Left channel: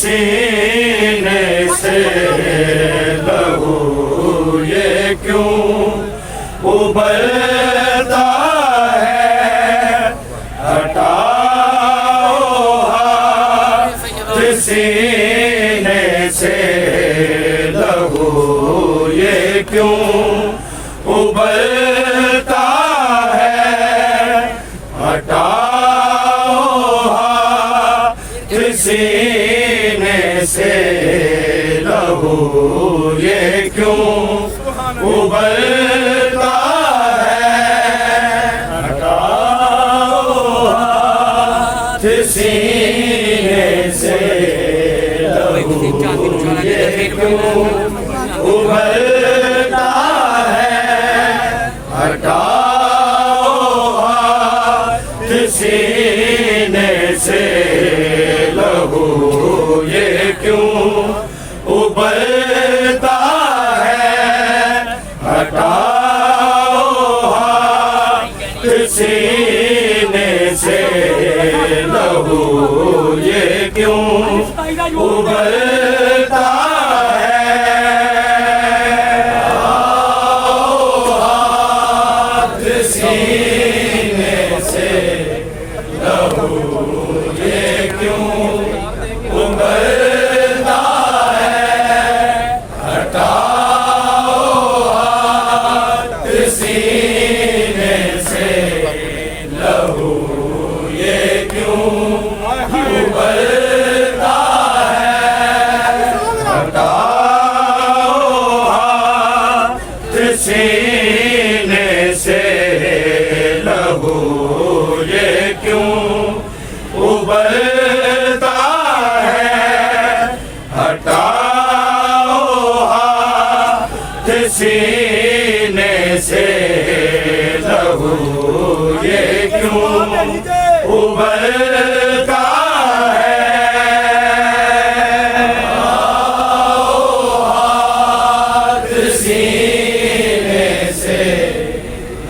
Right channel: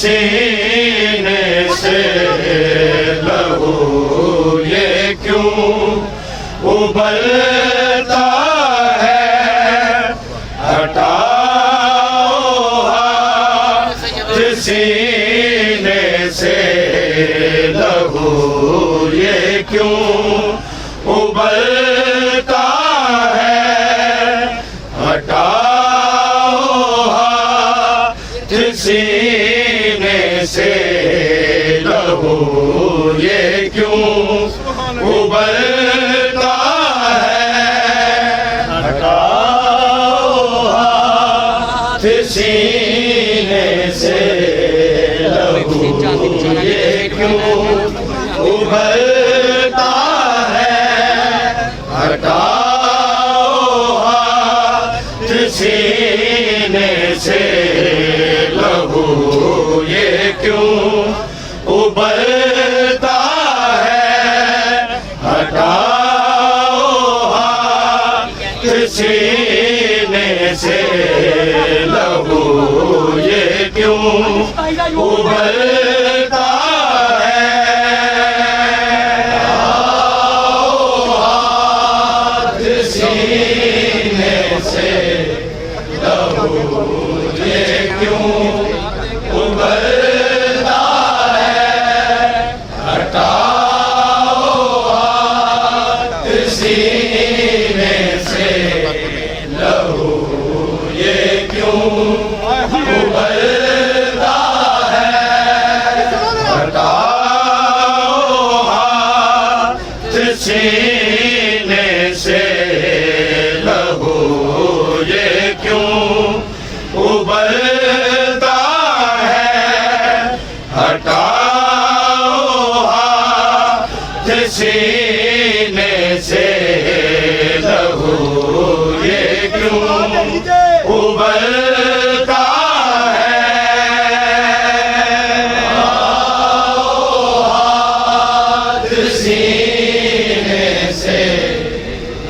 सीने से लहू ये क्यों उबलता है, हटाओ हाथ सीने से लहू ये क्यों उबलता है, हटाओ हाथ सीने से लहू ये क्यों उबलता है, हटाओ हाथ सीने से लहू ये क्यों उबलता है, हटाओ हाथ सीने से लहू ये क्यों उबलता है, हटाओ हाथ सीने से लहू ये क्यों उबलता है, हटाओ हाथ सीने से लहू ये क्यों उबलता है, हटाओ हाथ सीने से लहू ये क्यों उबलता है, उबलता है। हाथ सीने से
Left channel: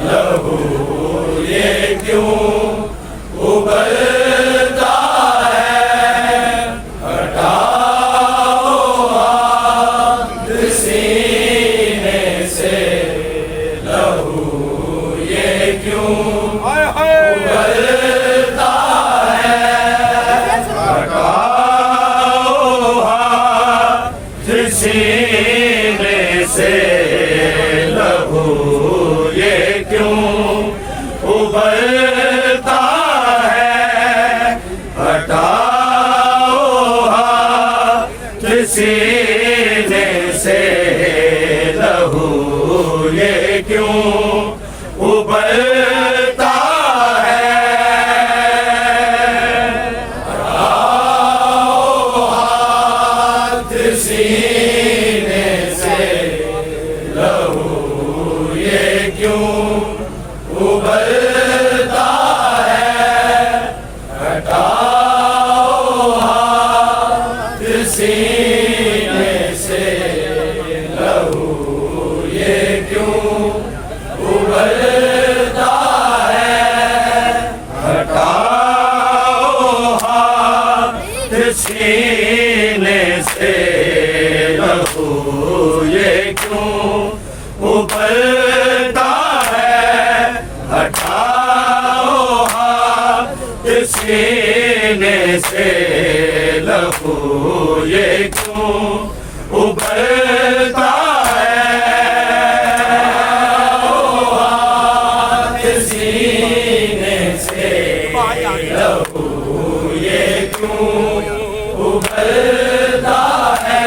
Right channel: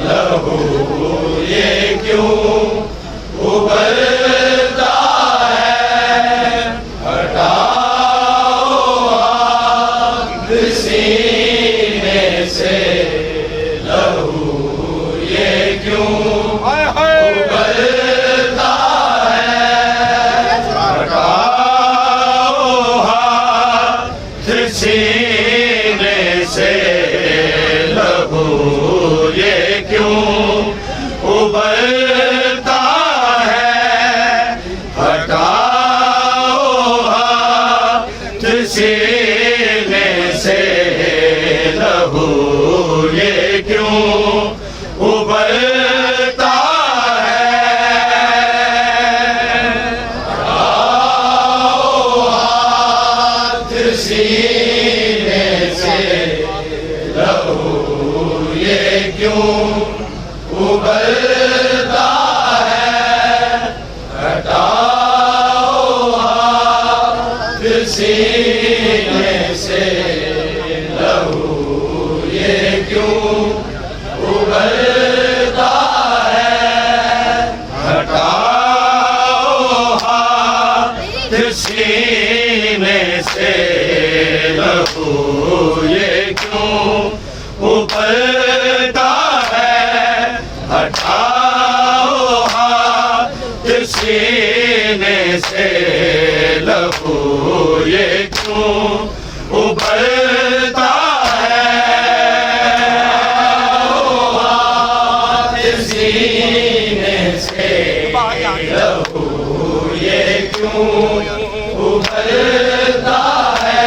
लहू ये क्यों उबलता है। हटाओ हाथ सीने से लहू ये क्यों उबलता है। हटाओ हाथ सीने से लहू ये क्यों उबलता है। हटाओ हाथ सीने से लहू ये क्यों उबलता है। हटाओ हाथ सीने से लहू ये क्यों उबलता है। हटाओ हाथ सीने से लहू ये क्यों उबलता है। हटाओ हाथ सीने से लहू ये क्यों उबलता है। हटाओ हाथ सीने से लहू ये क्यों उबलता है। हाथ सीने से लहू ये क्यों उबलता है।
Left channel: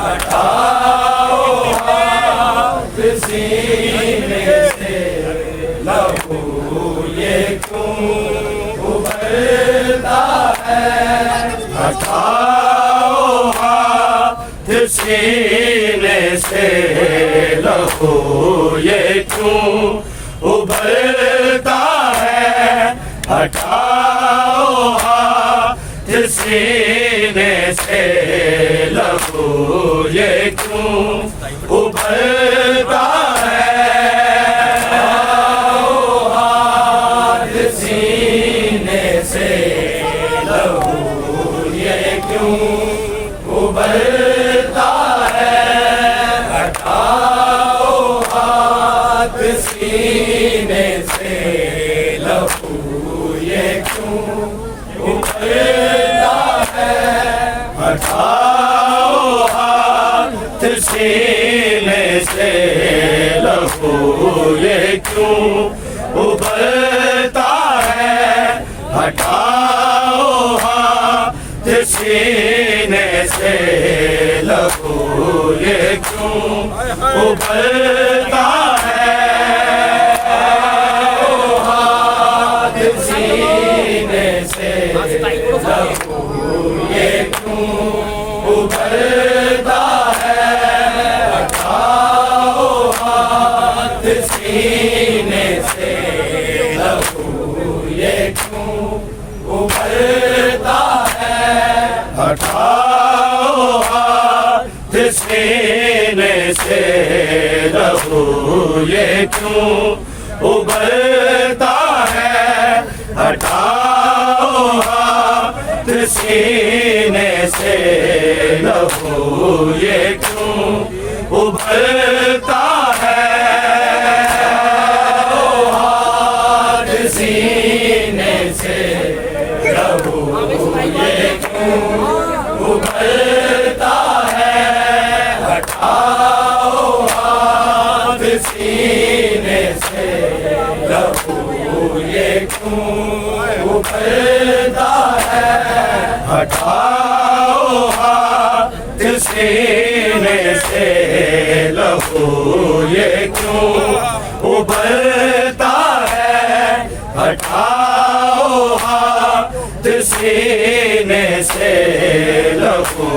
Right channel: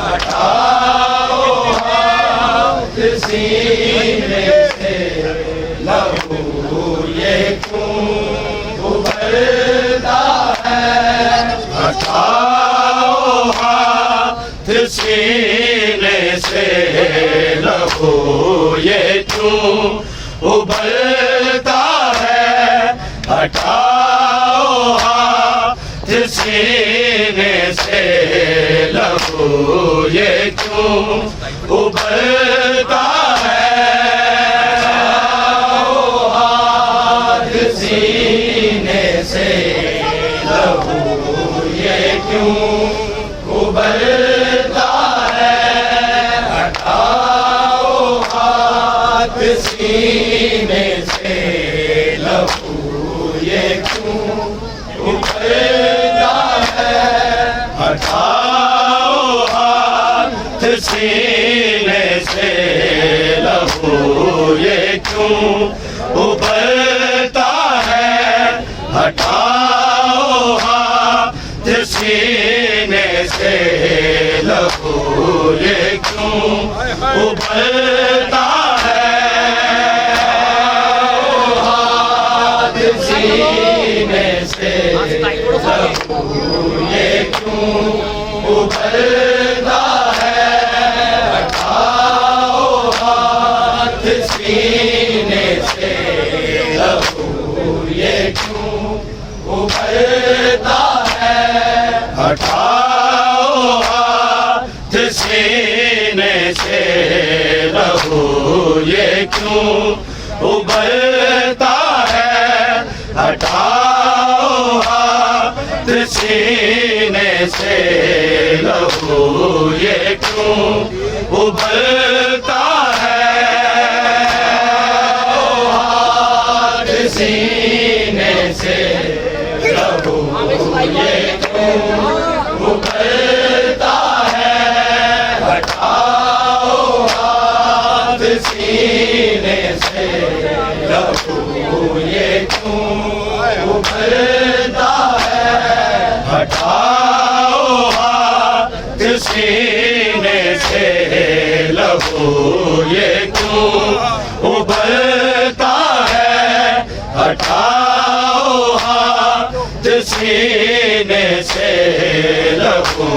हटाओ हाथ सीने से लहू ये क्यों उबलता है। हटाओ हाथ सीने से लहू ये क्यों उबलता है। हटाओ हाथ सीने से लहू ये क्यों उबलता है। हाथ सीने से लहू ये क्यों उबलता है। हटाओ हाथ सीने से लहू ये क्यों उबलता है। हटाओ हाथ सीने से लहू ये क्यों उबलता है। हटाओ हाथ सीने से लहू ये क्यों उबलता है। हाथ सीने से लहू ये क्यों उबलता है। हटाओ हाथ सीने से लहू ये क्यों उबलता है। हटाओ हाथ सीने से लहू ये क्यों उबलता है। हटाओ हाथ सीने से लहू ये क्यों उबलता है। हाथ सीने से लहू ये क्यों उबलता है। हटाओ हाथ सीने से लहू ये क्यों उबलता है। हटाओ हाथ सीने से लहू ये क्यों उबलता है। हटाओ हाथ सीने से लहू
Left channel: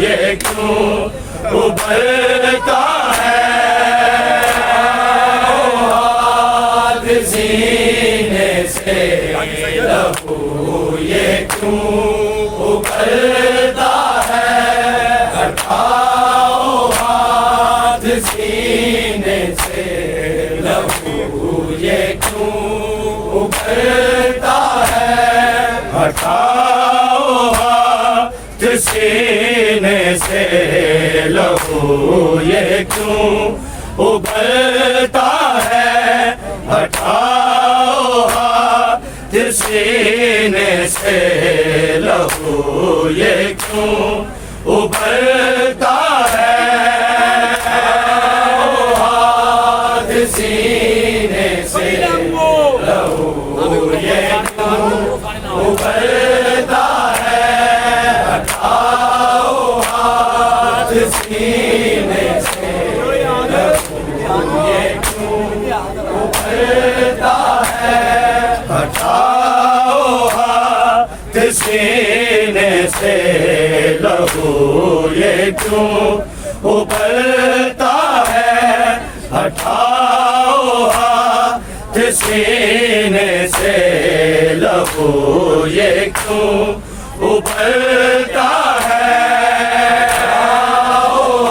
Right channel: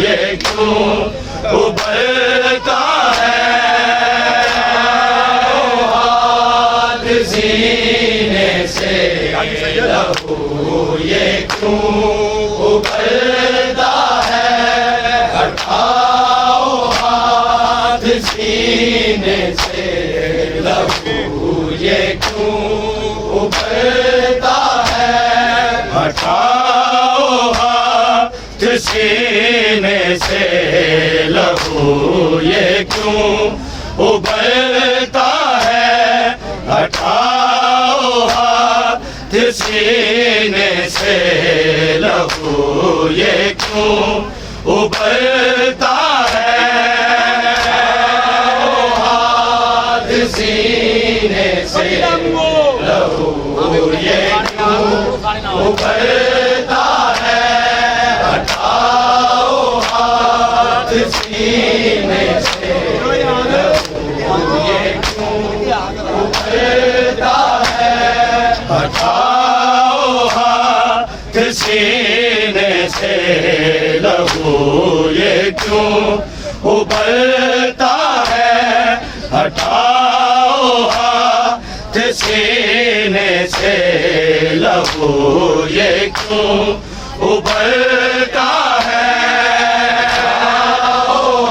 ये क्यों उबलता है। हाथ सीने से लहू ये क्यों उबलता है, हटाओ हाथ सीने से, लहू ये क्यों उबलता है, हटाओ हाथ सीने से, लहू ये क्यों उबलता है, हटाओ हाथ सीने से, लहू ये क्यों उबलता है, हाथ सीने से, लहू ये क्यों उबलता है, हटाओ हाथ सीने से, ये क्यों उबलता है, हटाओ हाथ सीने से, लहू ये क्यों उबलता है, हटाओ हाथ सीने से, लहू ये क्यों उबलता है,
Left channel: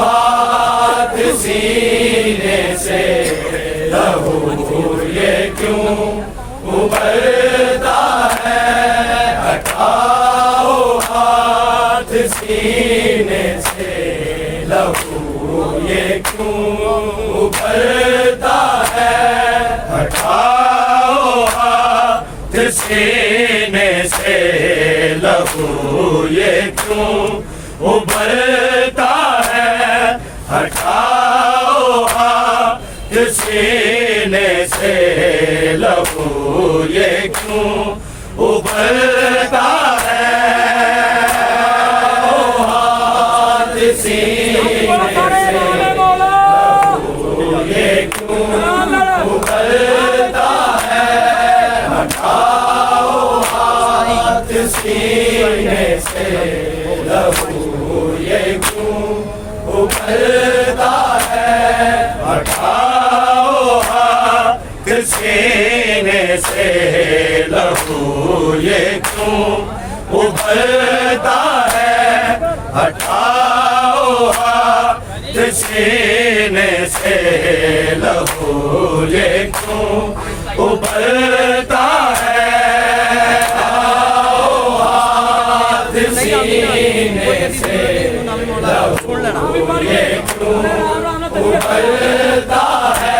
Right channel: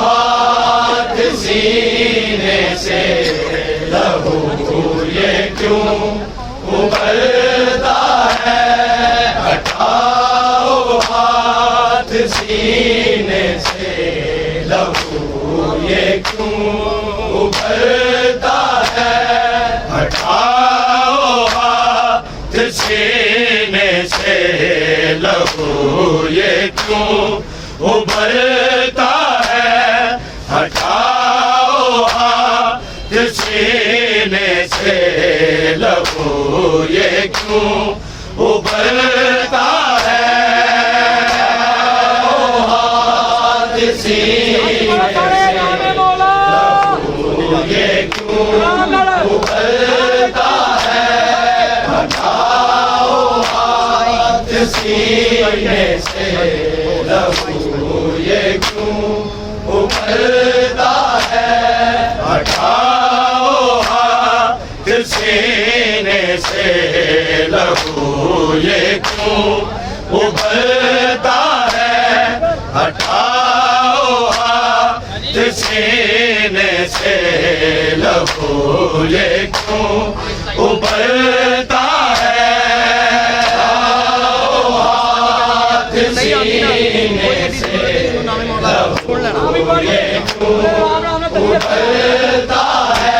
हाथ सीने से, लहू ये क्यों उबलता है, हटाओ हाथ सीने से, लहू ये क्यों उबलता है, हटाओ हाथ सीने से, लहू ये क्यों उबलता है, हटाओ हाथ सीने से, लहू ये क्यों उबलता है, हाथ सीने से, लहू ये क्यों उबलता है, हटाओ हाथ सीने से, लहू ये क्यों उबलता है, हटाओ हाथ सीने से, लहू ये क्यों उबलता है, हटाओ हाथ सीने से, लहू ये क्यों उबलता है, हाथ सीने से, लहू ये क्यों उबलता है,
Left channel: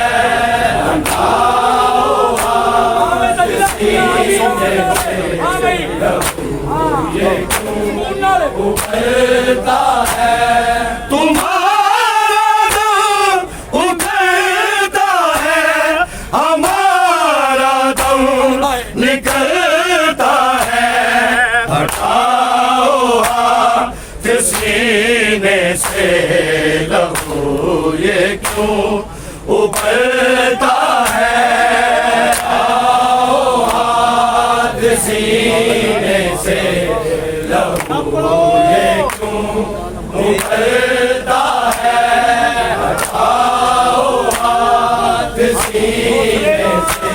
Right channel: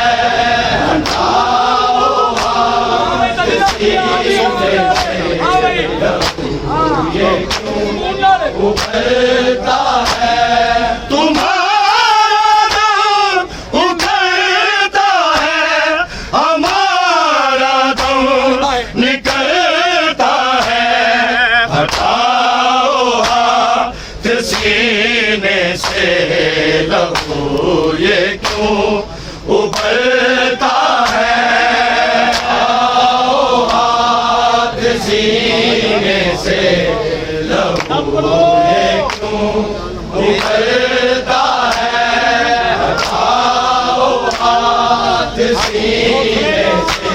हटाओ हाथ सीने से, लहू ये क्यों उबलता है, तुम्हारा दम उबलता है, हमारा दम निकलता है, हटाओ हाथ सीने से, लहू ये क्यों उबलता है, हाथ सीने से, लहू ये क्यों उबलता है, हटाओ हाथ सीने से,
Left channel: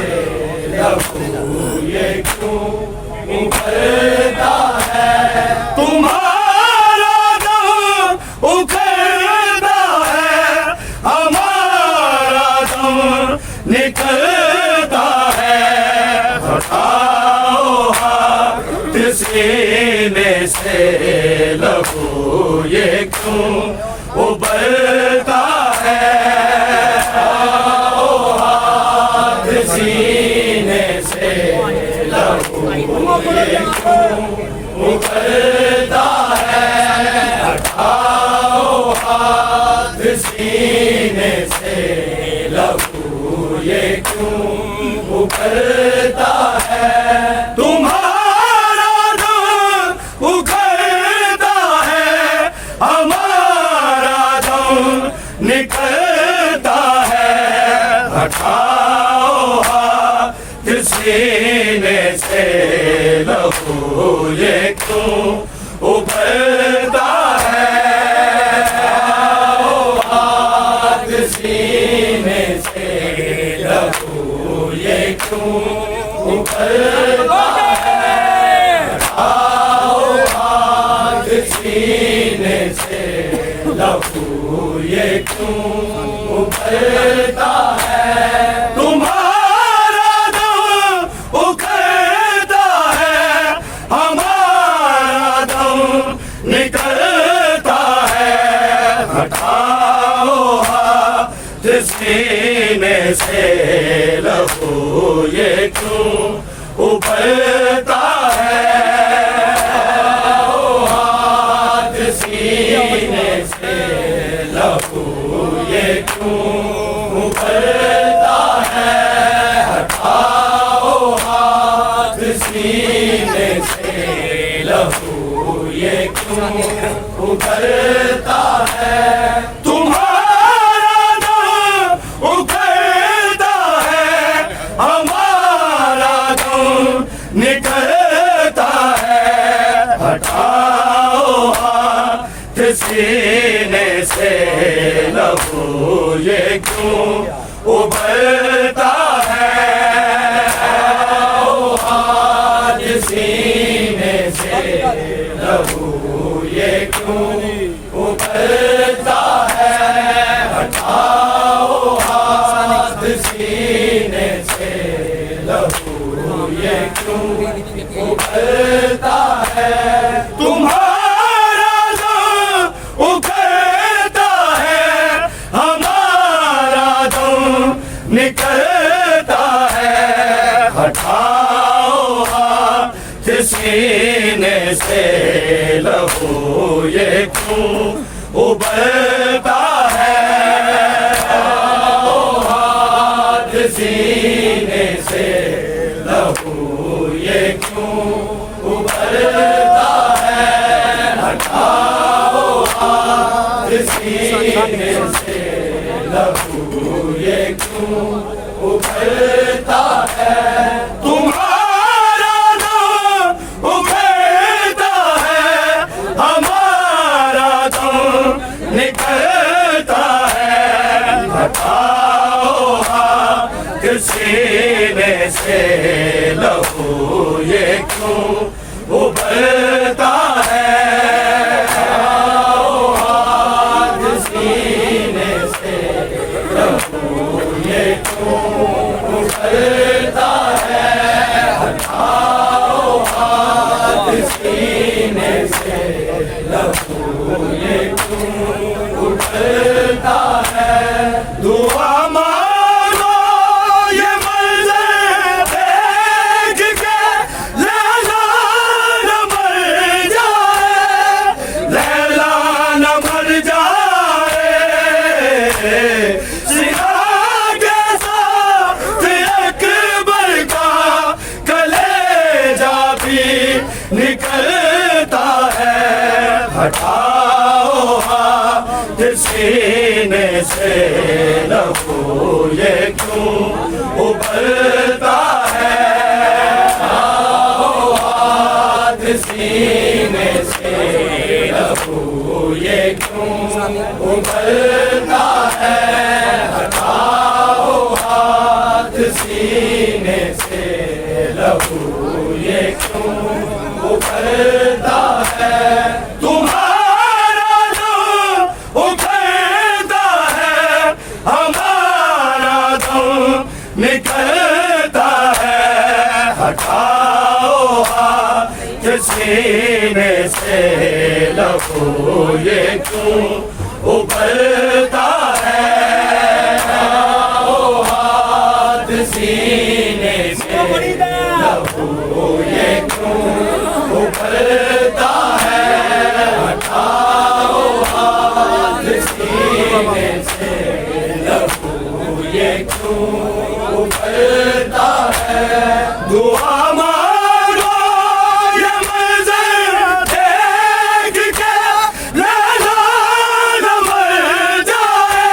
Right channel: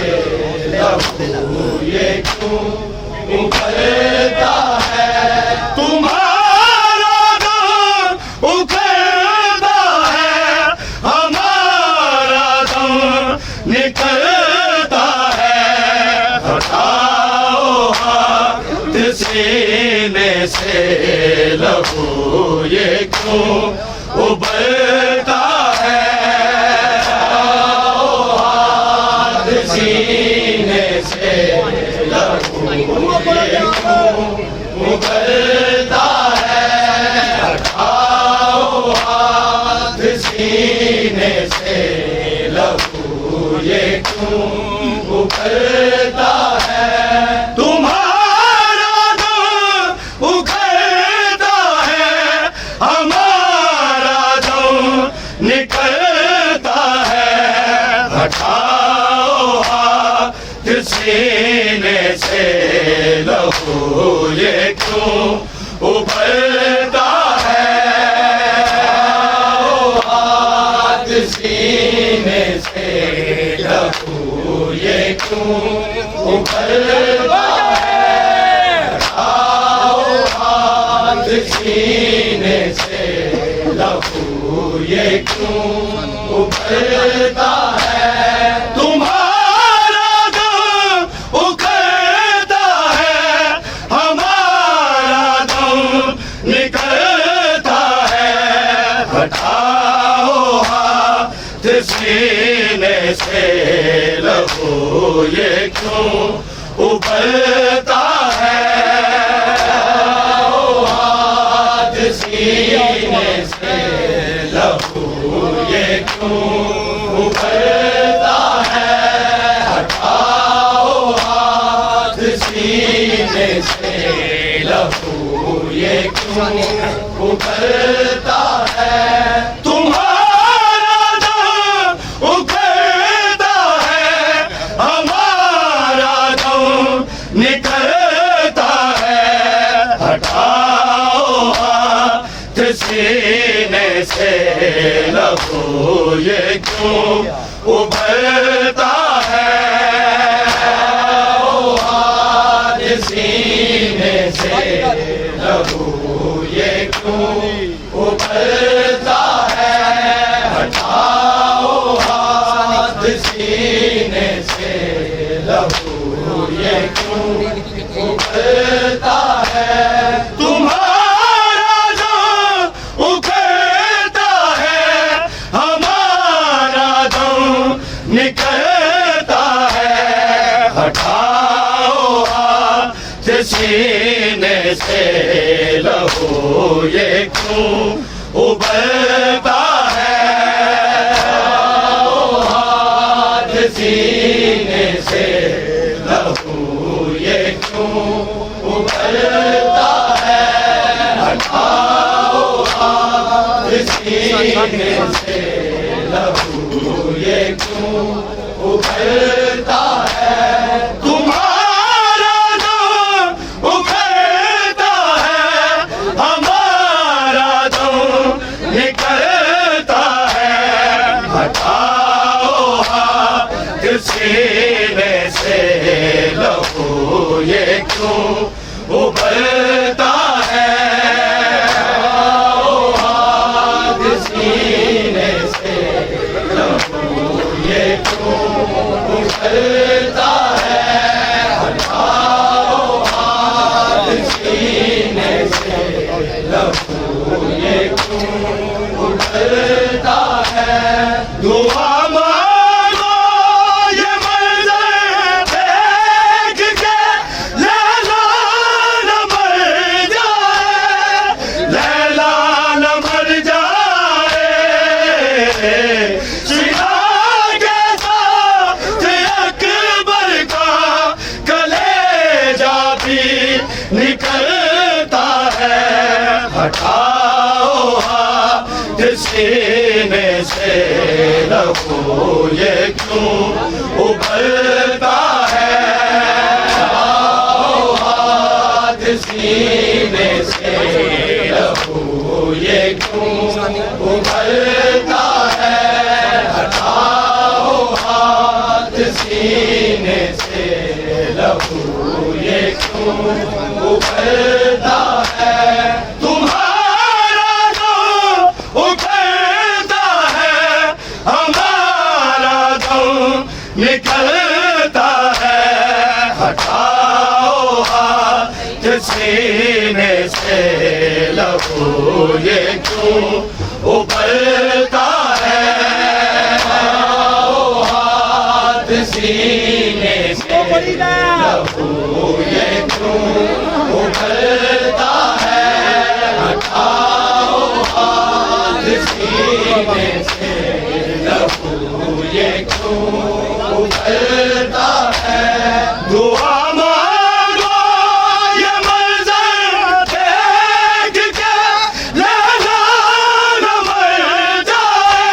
लहू ये क्यों उबलता है, तुम्हारा दम उबलता है, हमारा दम निकलता है, हटाओ हाथ सीने से, लहू ये क्यों उबलता है, हाथ सीने से, लहू ये क्यों उबलता है, हटाओ हाथ सीने से, लहू ये क्यों उबलता है, तुम्हारा दम उबलता है, हमारा दम निकलता है, हटाओ हाथ सीने से, लहू ये क्यों उबलता है, हाथ सीने से, लहू ये क्यों उबलता है, सीने से लहू ये क्यों उबलता है। तुम्हारा दम उखड़ता है, हमारा दम निकलता है। हटाओ हाथ सीने से लहू ये क्यों उबलता है। हाथ सीने से लहू ये क्यों उबलता है। हटाओ हाथ सीने से लहू ये क्यों उबलता है। तुम्हारा दम उखड़ता है, हमारा दम निकलता है। हटाओ हाथ सीने से लहू ये क्यों उबलता है। हाथ सीने से लहू ये क्यों उबलता है। हटाओ हाथ सीने से लहू ये क्यों उबलता है। तुम्हारा दम उखड़ता है, हमारा दम निकलता है। हटाओ हाथ सीने से लहू ये क्यों उबलता है। हाथ सीने से लहू ये क्यों उबलता है। हटाओ हाथ सीने से लहू ये क्यों उबलता है। तुम्हारा दम उखड़ता है, हमारा दम निकलता है। हटाओ हाथ सीने से लहू ये क्यों उबलता है। हाथ सीने से लहू ये क्यों उबलता है। हटाओ हाथ सीने से लहू ये क्यों उबलता है। दुआ मांगो ये मंजर देख के लैला न मर जाए, लैला न मर जाए। सीधा के साथ अकबर का कलेजा भी निकलता है। हटाओ हाथ सीने से लहू ये क्यों उबलता है। हाथ सीने से लहू ये क्यों उबलता है। हटाओ हाथ सीने से लहू ये क्यों उबलता है। तुम्हारा दम उखड़ता है, हमारा दम निकलता है। हटाओ हाथ सीने से लहू ये क्यों उबलता है। हाथ सीने से लहू ये क्यों उबलता है। हटाओ हाथ सीने से लहू ये क्यों उबलता है। दुआ मांगो ये मंजर देख के लैला न मर जाए,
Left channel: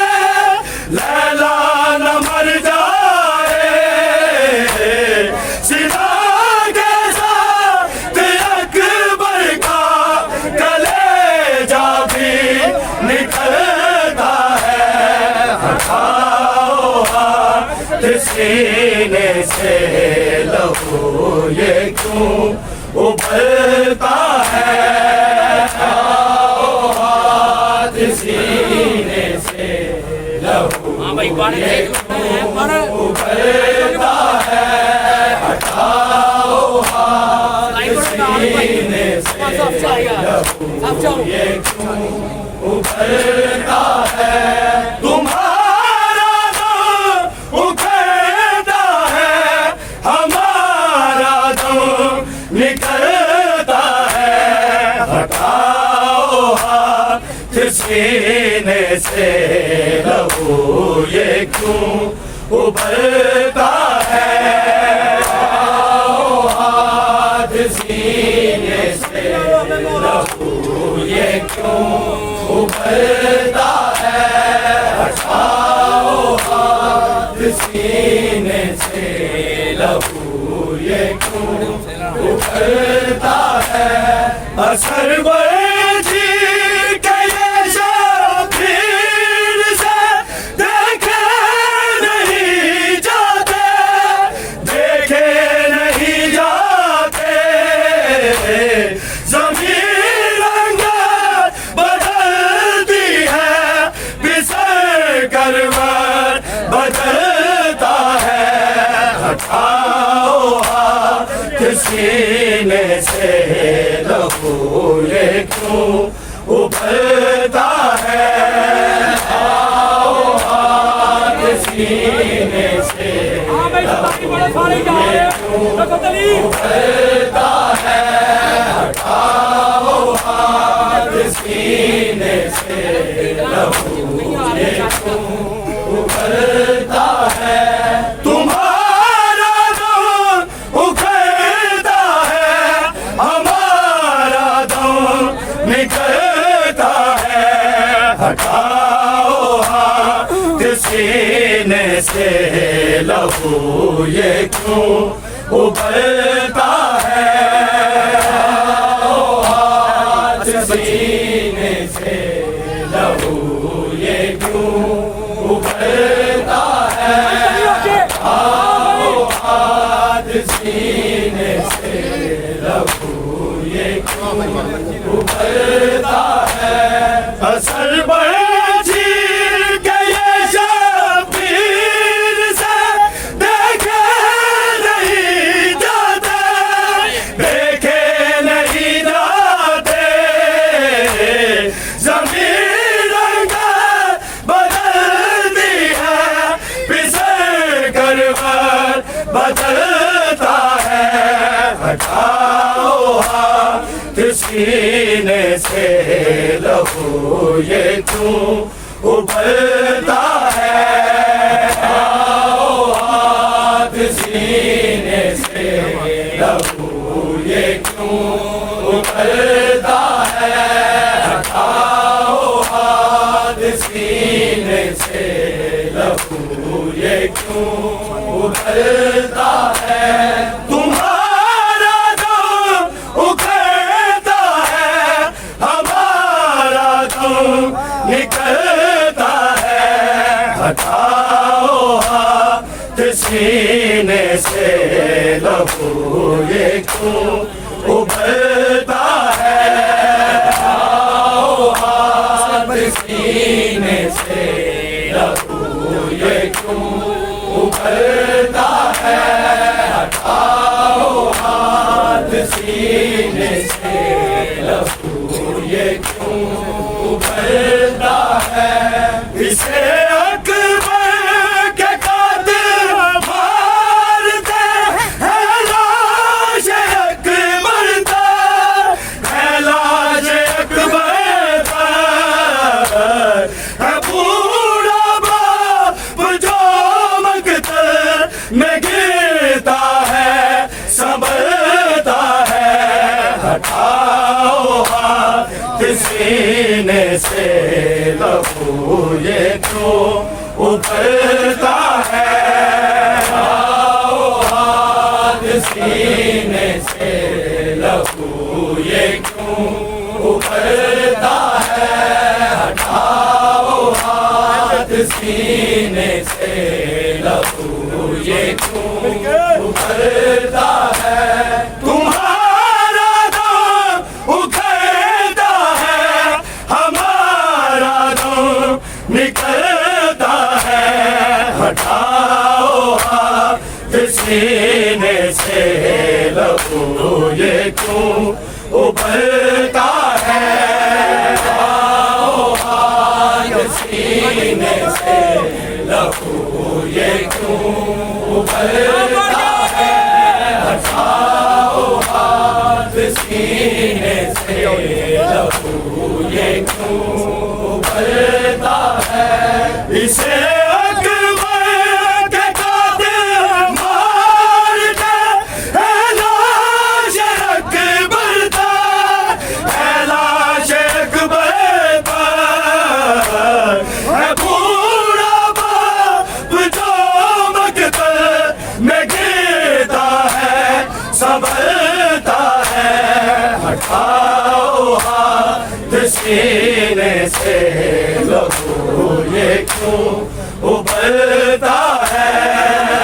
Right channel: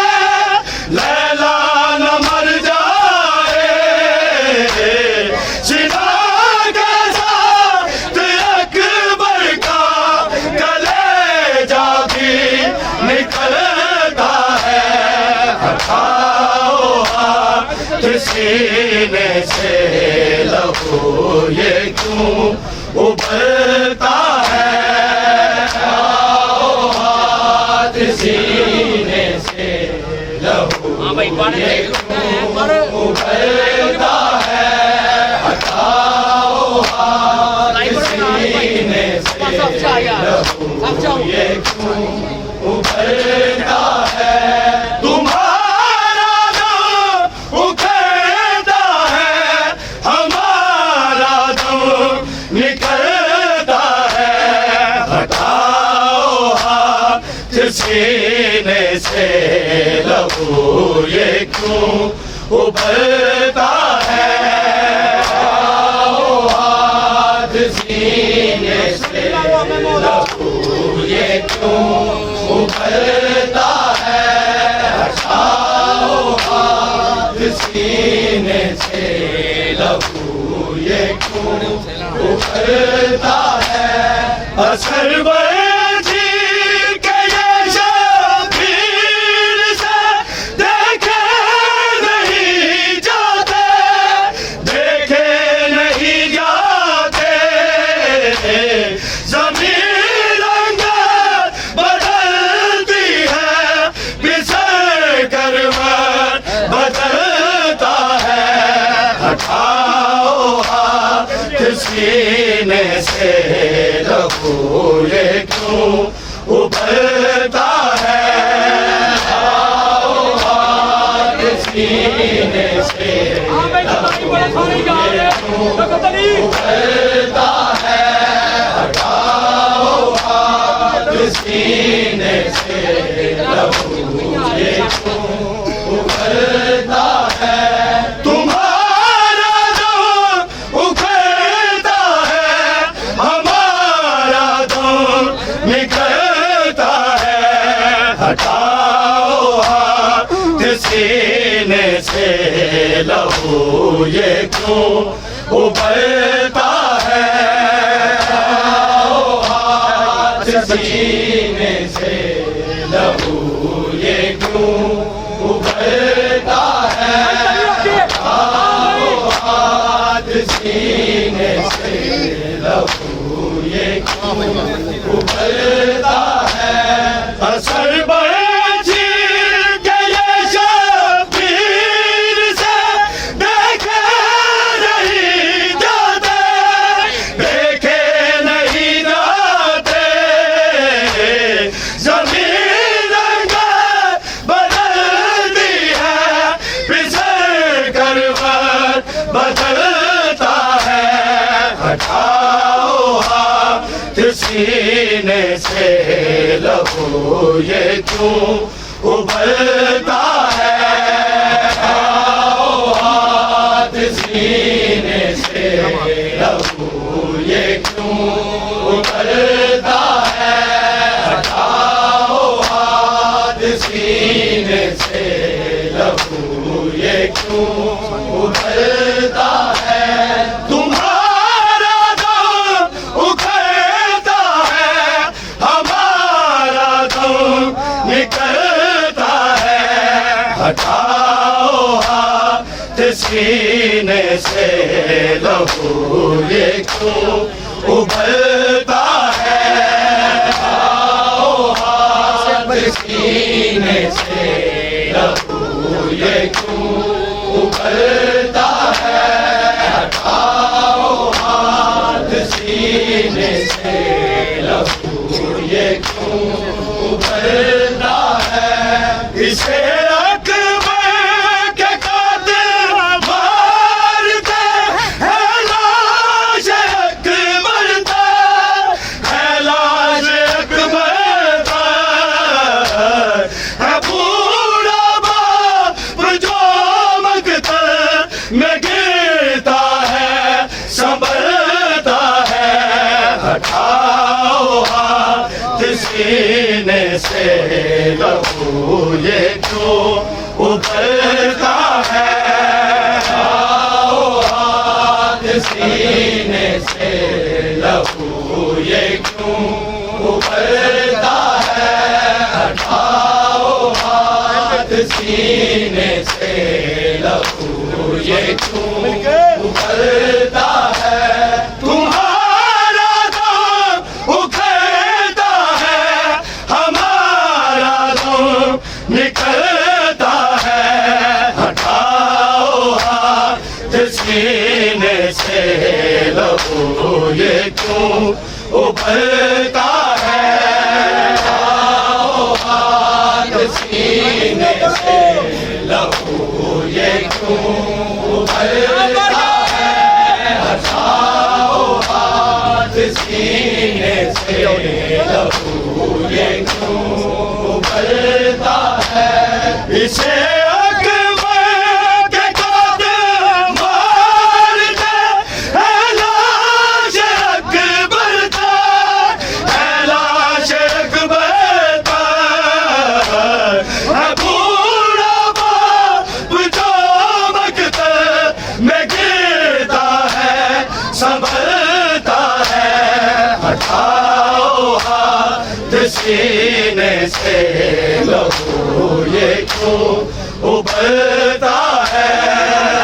लैला न मर जाए। सीधा के साथ अकबर का कलेजा भी निकलता है। हटाओ हाथ सीने से लहू ये क्यों उबलता है। भाई बार देख लो पर उभरता है, हटाओ सीने से लहू ये क्यों उभरता है, तुम्हारा दम उखड़ता है, हमारा दम निकलता है, हटाओ हाथ सीने से लहू ये क्यों उभरता है, हटाओ हाथ सीने से लहू ये क्यों उभरता है, हटाओ हाथ सीने से लहू ये क्यों उभरता है, असर बर्जी के ये शबीर से देखे नहीं जाते, देखे नहीं जाते, ज़मीन रंगत बदलती है, बिसर कर मन बदलता है, हटाओ हाथ सीने से लहू ये क्यों उभरता है, हटाओ हाथ सीने से सारे जा रहे हैं उभरता है, हटाओ हाथ सीने से लहू ये क्यों उभरता है, तुम्हारा दम उखड़ता है, हमारा दम निकलता है, हटाओ हाथ सीने से लहू ये क्यों उभरता है, हटाओ हाथ सीने से लहू ये क्यों उभरता है, हटाओ हाथ सीने से लहू ये क्यों उभरता है, असर बर्जी के ये शबीर से देखे नहीं जाते, देखे नहीं जाते, ज़मीन रंगत बदलती है, बिसर कर मन बदलता है, हटाओ हाथ सीने से लहू ये क्यों उभरता है, हटाओ हाथ सीने से लहू ये क्यों उभरता है, हटाओ हाथ सीने से लहू ये क्यों उभरता है, तुम्हारा दम उखड़ता है, हमारा दम निकलता है, हटाओ हाथ सीने से लहू ये क्यों उभरता है, हटाओ हाथ सीने से लहू ये क्यों उभरता है, हटाओ हाथ सीने से लहू ये क्यों उभरता है, इसे अकबर के कातिल मारते हैं, लाश अकबर पर है, लाश अकबर पर है, पूरा बाप जो मकतल में गिरता है, संभलता है, हटाओ हाथ सीने से लहू ये क्यों उभरता है, हटाओ हाथ सीने से लहू ये क्यों उभरता है, हटाओ हाथ सीने से लहू ये क्यों उभरता है, तुम्हारा दम उखड़ता है, हमारा दम निकलता है, से लहू ये क्यों उबलता है, आओ हाथ सीने से लहू ये क्यों उबलता है, हटाओ हाथ सीने से लहू ये क्यों उबलता है। इसे संभलता है, हटाओ हाथ सीने से लहू ये क्यों उबलता है,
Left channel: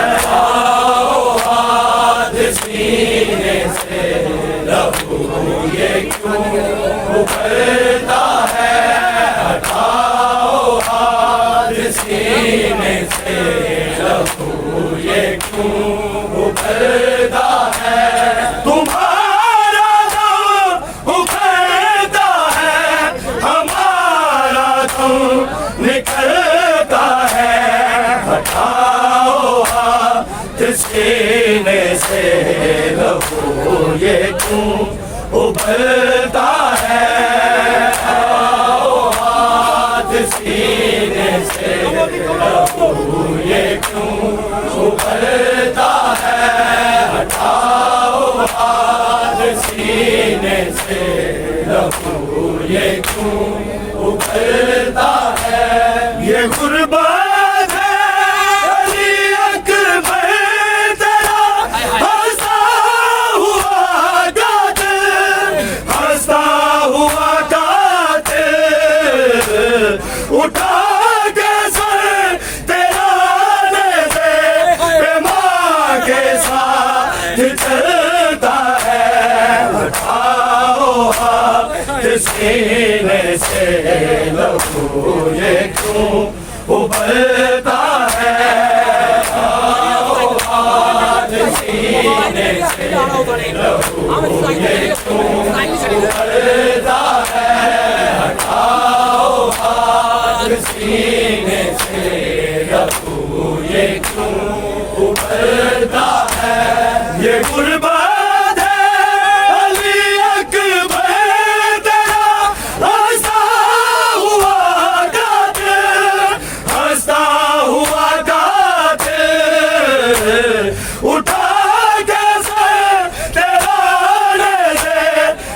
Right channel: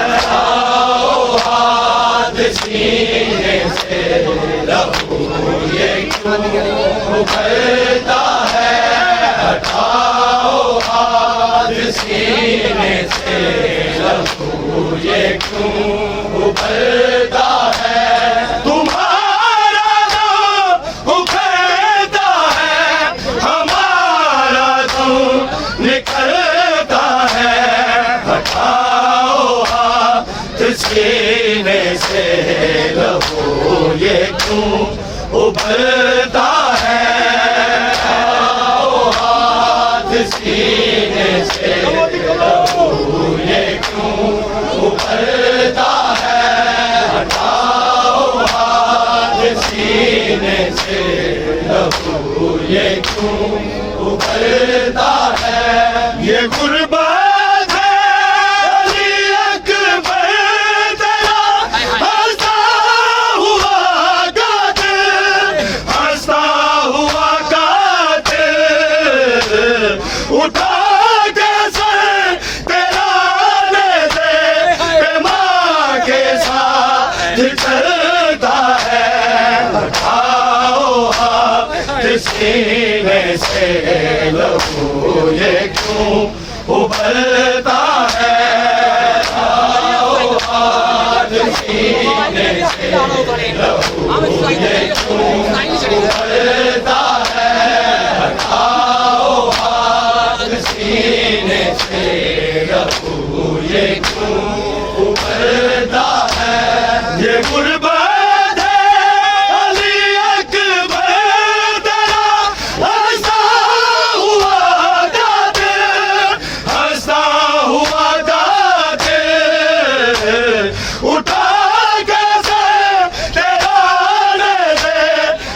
हटाओ हाथ सीने से लहू ये क्यों उबलता है, हटाओ हाथ सीने से लहू ये क्यों उबलता है। निकलता है, हटाओ हाथ सीने से लहू ये क्यों उबलता है, हटाओ हाथ सीने से लहू ये क्यों उबलता है, हटाओ हाथ सीने से लहू ये क्यों उबलता है। ये गुर्बत है अली अकबर तेरा हंसता हुआ कातिल, हंसता हुआ कातिल, उठा के सर तेरा दे दे माँ के साथ चलता है, हटाओ हाथ सीने से लहू ये क्यों उबलता है, आओ हाथ सीने से लहू ये क्यों उबलता है, आओ हाथ सीने से लहू ये क्यों उबलता है। ये गुर्बत उठा कैसे तेरा ले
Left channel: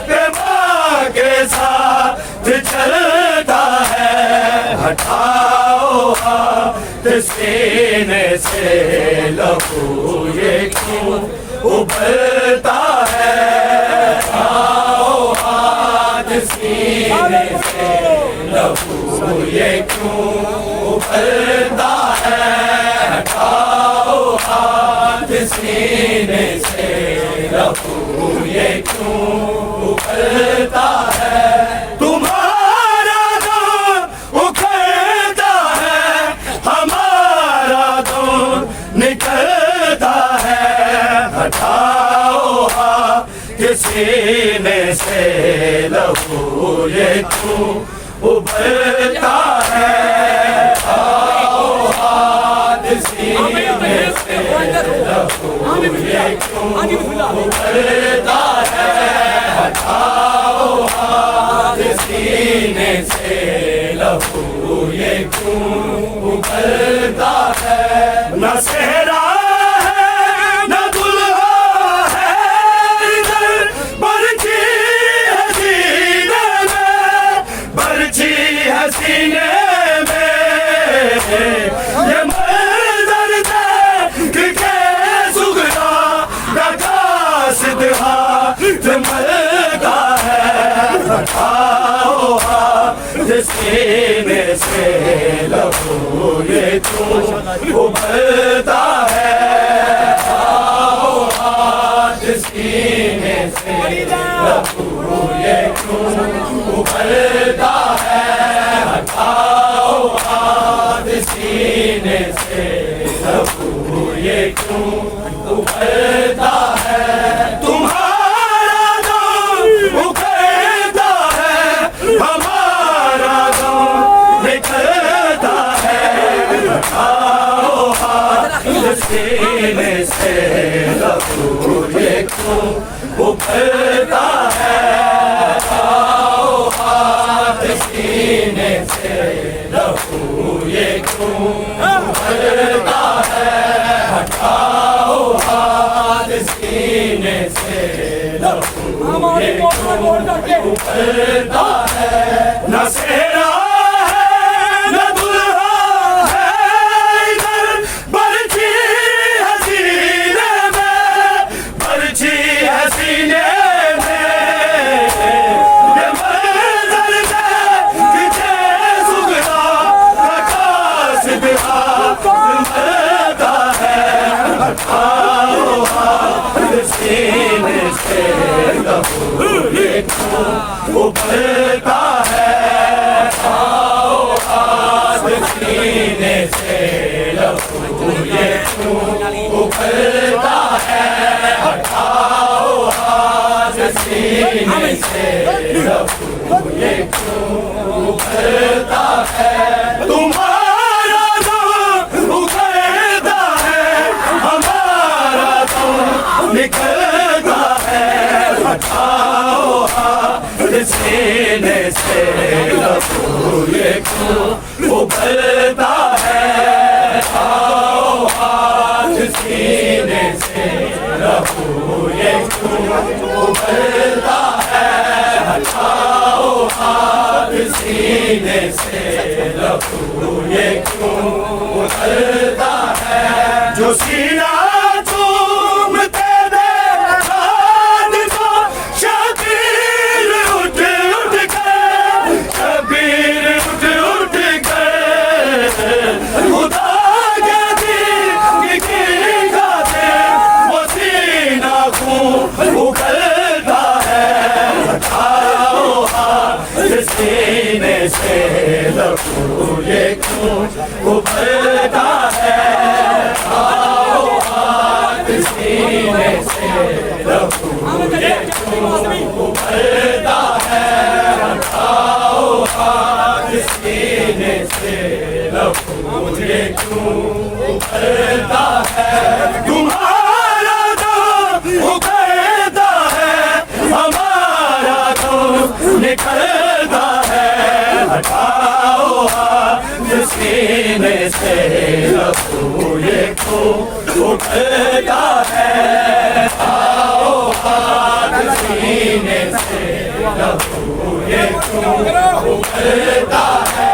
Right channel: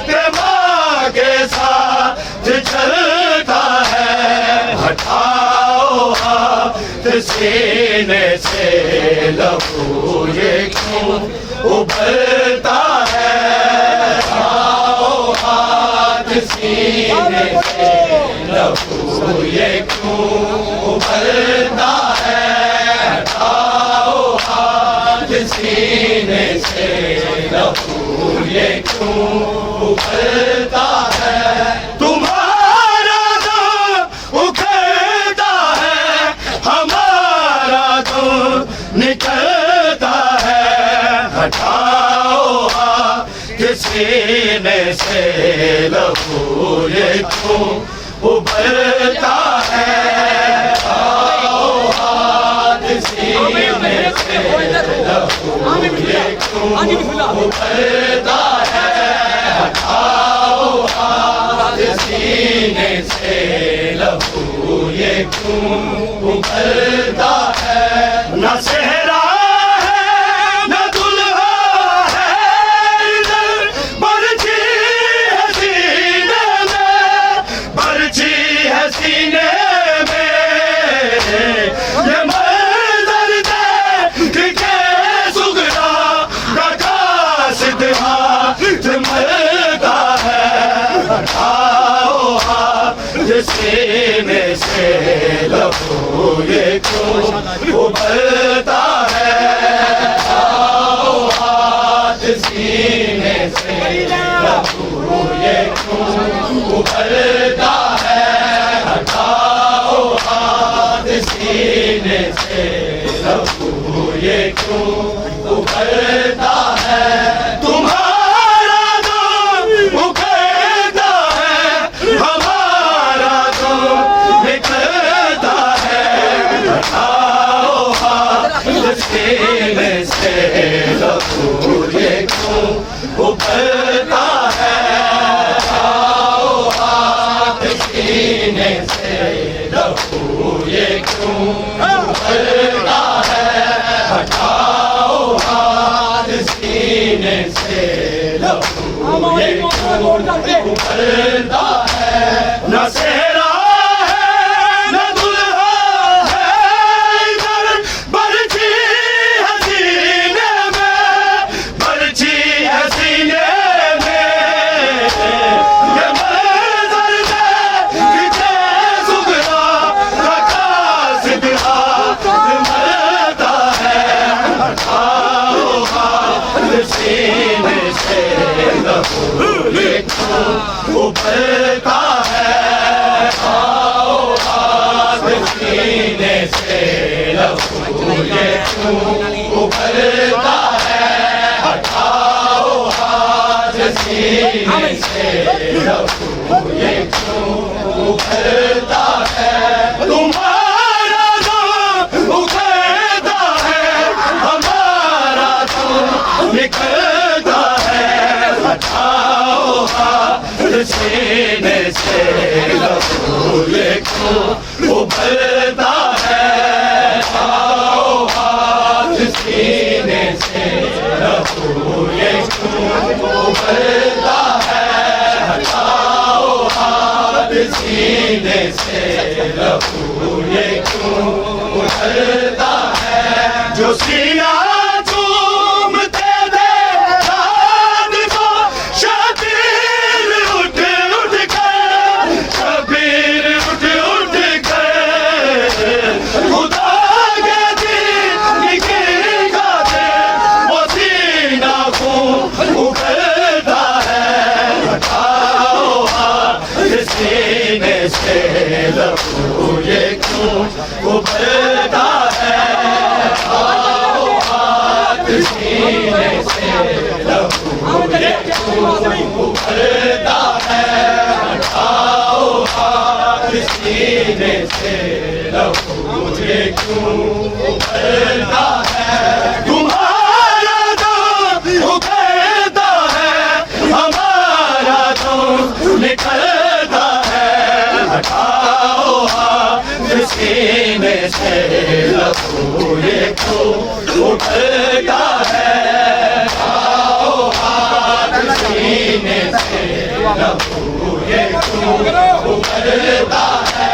दे माँ के साथ चलता है, हटाओ हाथ सीने से लहू ये क्यों उबलता है, हटाओ हाथ सीने से लहू ये क्यों उबलता है, हटाओ हाथ सीने से लहू ये क्यों उबलता है। तुम्हारा दम उखड़ता है, हमारा दम निकलता है, हटाओ हाथ सीने से लहू ये क्यों उबलता है, आओ हाथ सीने से लहू ये क्यों उबलता है, हटाओ हाथ सीने से लहू ये क्यों उबलता है। न सेहरा है न दुल्हा है इधर, बरछी है सीने में, बरछी है सीने में, ये मंजर देख के सुगरा प्रकाश हाथ मलता है, हटाओ हाथ सीने से लहू ये क्यों उबलता है, आओ हाथ सीने से लहू ये क्यों उबलता है, हटाओ हाथ सीने से लहू ये क्यों उबलता है। उभरता है आओ हाथ सीने से लहू ये क्यों उभरता है हटाओ हाथ सीने से लहू हमारी मोटर तोड़ करके उभरता है न सेहरा है न दुल्हा है इधर बरछी है सीने में बरछी है सीने में ये मंजर किसे सुधरा रखा सिधरा मरता है हटाओ हाथ सीने से लहू उभरता है आओ हाथ सीने से लहू ये क्यों उभरता है हटाओ हाथ सीने से लहू ये क्यों उभरता है तुम्हारा दम उभरता है हमारा दम निकलता है हटाओ हाथ सीने से लहू ये क्यों उभरता है आओ हाथ सीने से लहू ये क्यों उभरता है हटाओ हाथ सीने से लहू ये क्यों उभरता है जो सीना चूमते दे चांद को शबीर उठ उठ कर शबीर उठ उठ कर खुदा के दीन की गाते वो सीना को उभरता है हटाओ हाथ सीने से लहू ये क्यों उभरता है आओ हाथ सीने से लहू ये क्यों उभरता है हटाओ हाथ सीने से लहू ये क्यों उभरता है तुम्हारा दम उभरता है हमारा दम निकलता है हटाओ हाथ सीने से लहू ये क्यों उभरता है आओ हाथ सीने से लहू ये क्यों उभरता है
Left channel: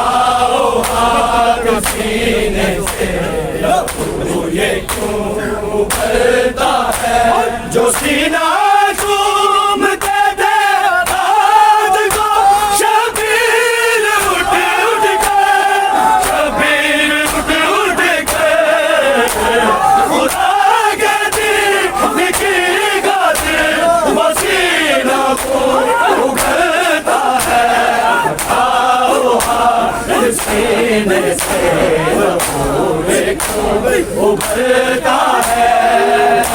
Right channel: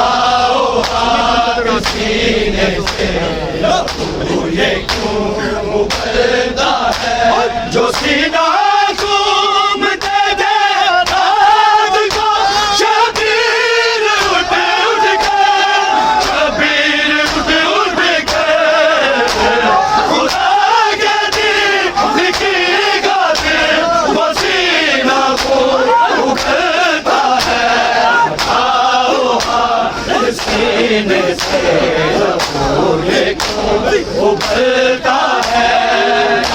आओ हाथ सीने से लहू ये क्यों उभरता है जो सीना चूमते दे रात को शबीर उठ उठ कर शबीर उठ उठ कर खुदा के दिल की गाते वो सीना को उभरता है आओ हाथ सीने से लहू ये क्यों उभरता है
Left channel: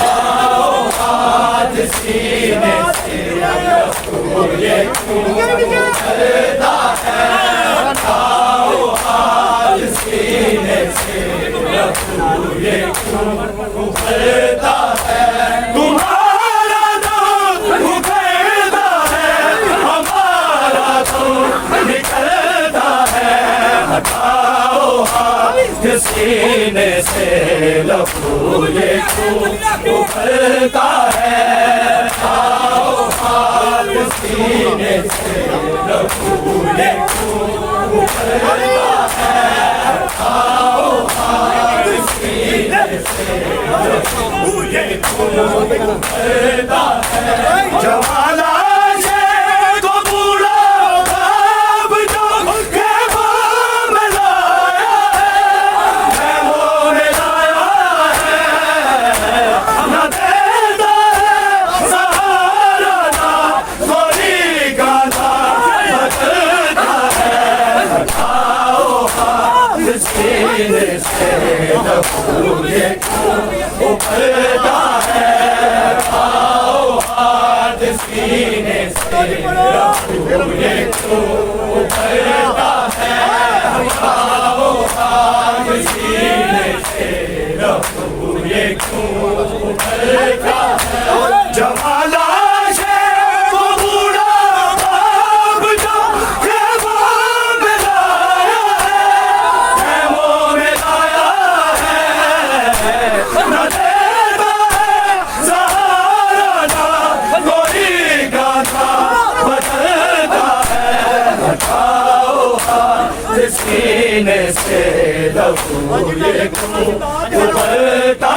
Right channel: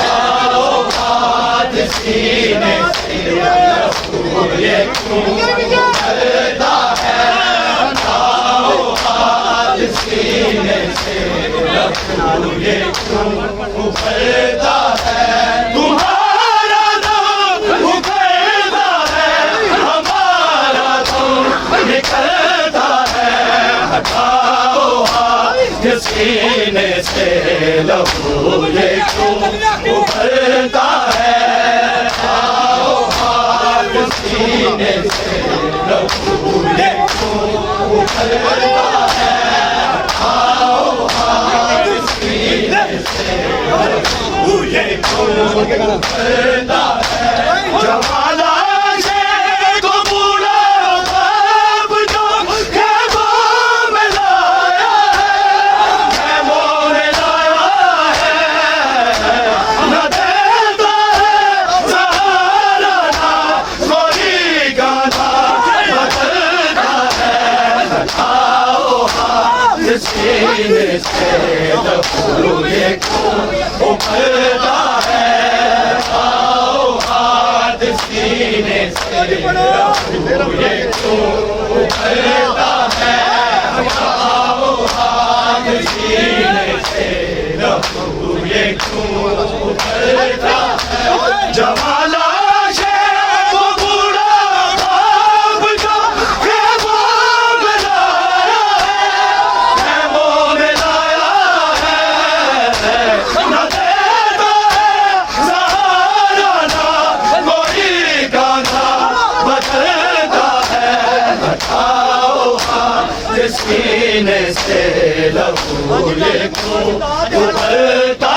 आओ हाथ सीने से लहू ये क्यों उभरता है आओ हाथ सीने से लहू ये क्यों उभरता है तुम्हारा दम उभरता है हमारा दम निकलता है हटाओ हाथ सीने से लहू ये क्यों उभरता है आओ हाथ सीने से लहू ये क्यों उभरता है आओ हाथ सीने से लहू ये क्यों उभरता है जमाला से को पूरा बाब जो ख़ैमों में लाया है न देता है सहारा ना कोई गाना बदलता है आओ हाथ सीने से लहू ये क्यों उभरता है आओ हाथ सीने से लहू ये क्यों उभरता है आओ हाथ सीने से लहू ये क्यों उभरता है जवाला है वो बूढ़ा बाप का है वो मिलाया है वो मिलाया है न देता है सहारा ना कोई गाना बदलता है हटाओ हाथ सीने से लहू ये क्यों उबलता